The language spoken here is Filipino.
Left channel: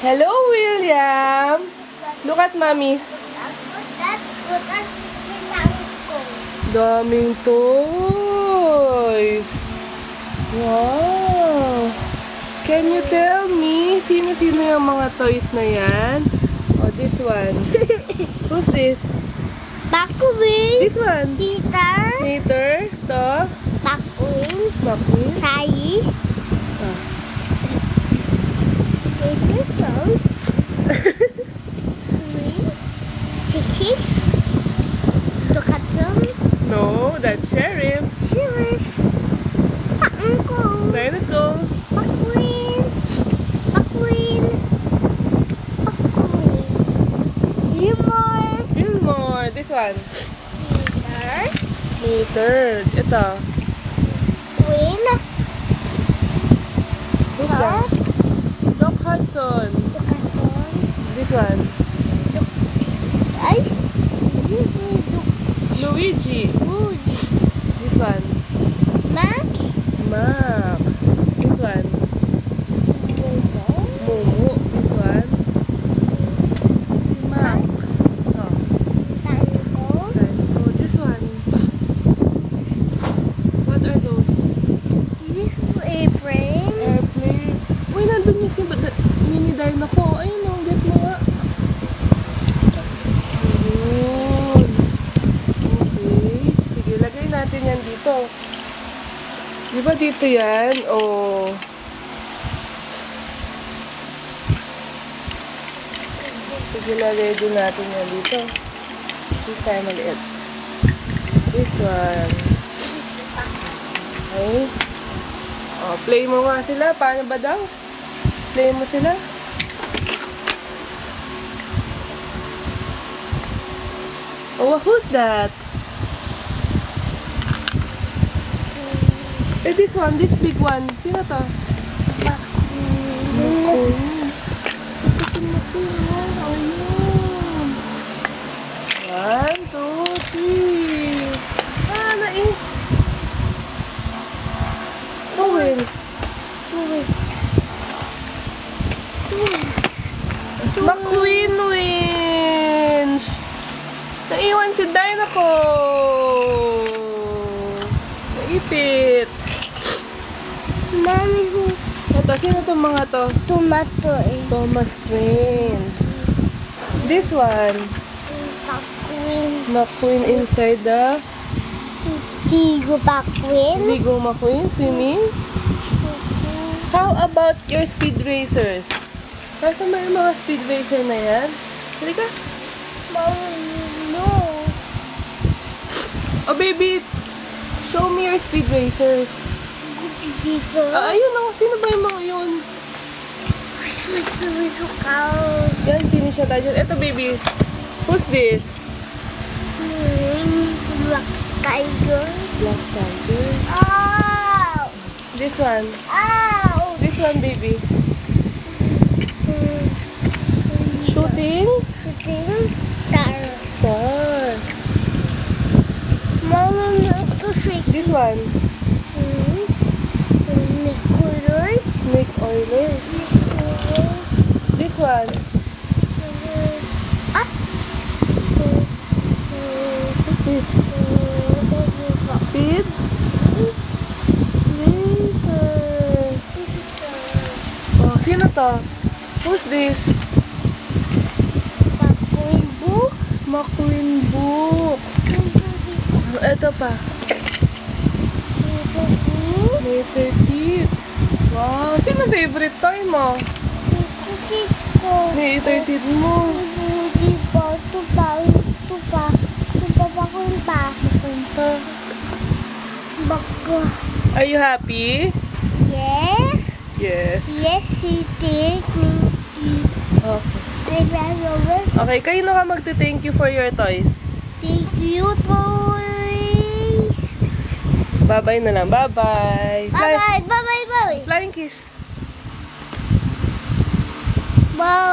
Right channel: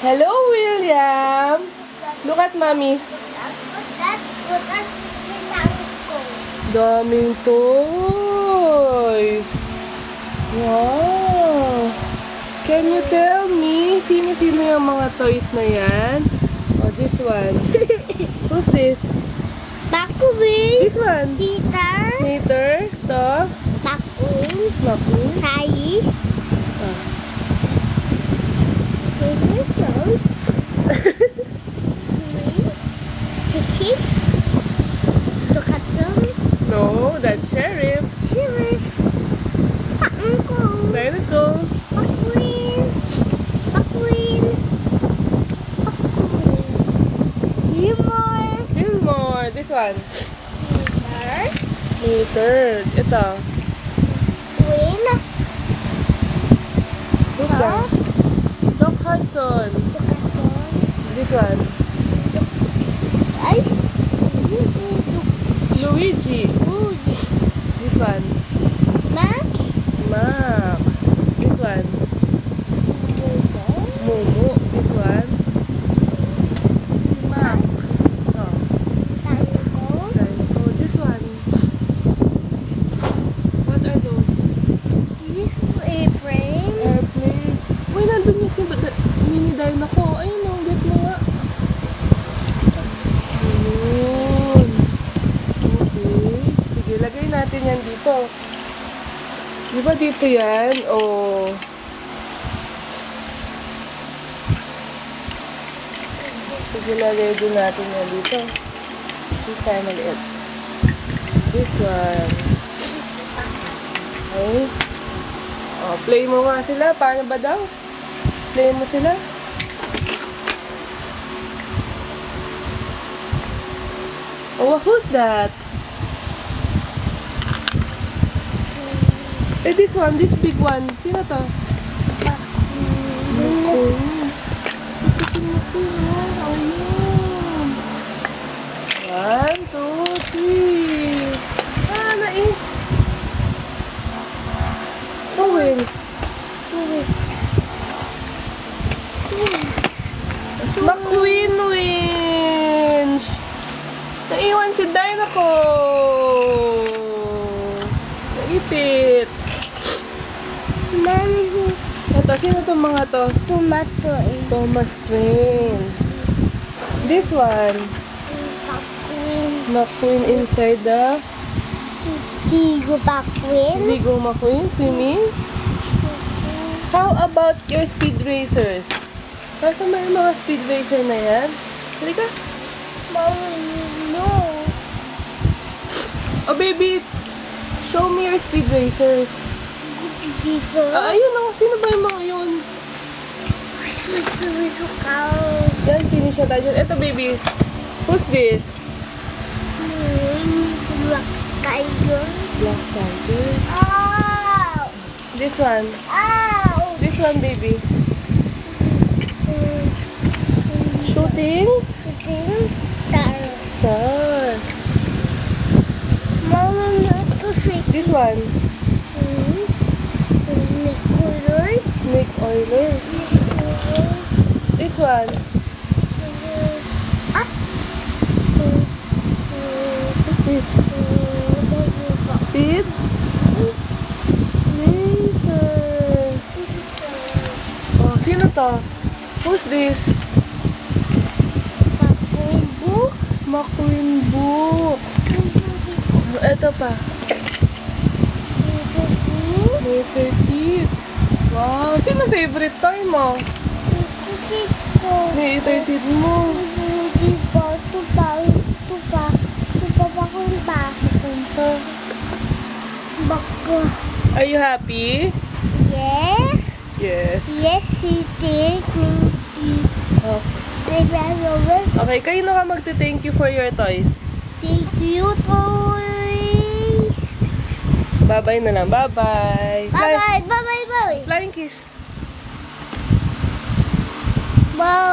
Hello, William. Look at mommy. Daming toys. Wow. Can you tell me, sino-sino yung mga toys na yan? Oh, this one. Who's this? McQueen. This one. Peter. To. McQueen. Sai. Oh. Kiki. Dokatsun. No, that's Sheriff. Sheriff. Uncle. Very cool. McQueen. Fillmore. This one. Peter. Meter. Ito. Queen. Who's that? Doc Hudson. Dokatsun. This one. Ay. Luigi. Woody. This one. Mac. Mac. This one. Momo. Momo. This one. Si Mac. Ito. Tango. Dinoco. This one. What are those? This airplane. Airplane. Uy, nandun yung si mini Dinoco. Ayun o, get mo nga. Ayun. Okay. Sige, lagay natin yan dito. Di ba dito yan? O... Sige, lagay din natin yan dito. Dito tayo maliit. This one. Okay. O, play mo nga sila. Paano ba daw? Play mo sila. Oh, who's that? Eh, this one, this big one. Sino to? McQueen. Ito McQueen. Ayun. 1, 2, 3. Ah, nain. Two wings. McQueen wins. Naiwan si Dinoco. Naipit. Mami, Ito, sino itong mga to? tomato. Thomas Train. This one. McQueen inside the Higo McQueen. Vigo McQueen swimming. How about your speed racers? Nasa may mga speed racer na yan? Halika. Mami, no. Oh, baby. Show me your speed racers. Dito. Ayun o. Sino ba yung mga yun? Dito ka. Yan, finish na tayo dyan. Ito, baby. Who's this? Black tiger. Black Tiger. Ow! This one. Ow! This one, baby. Shooting Star. star. Mama, ito shake. This one. Colors. Snake oiler. This one. Ah! Who's this? Speed racer. Oh, sino to? Who's this? McQueen book. McQueen book. Ito pa. May 13th. Wow, sino favorite toy mo? May 13th mo. Are you happy? Yes. Yes. Yes, he did. Okay. Thank Okay, kayo na ka magte-thank you for your toys. you, toys. Bye-bye na lang. Bye-bye. Bye-bye. Bye-bye. Bye. Flying kiss. Bye.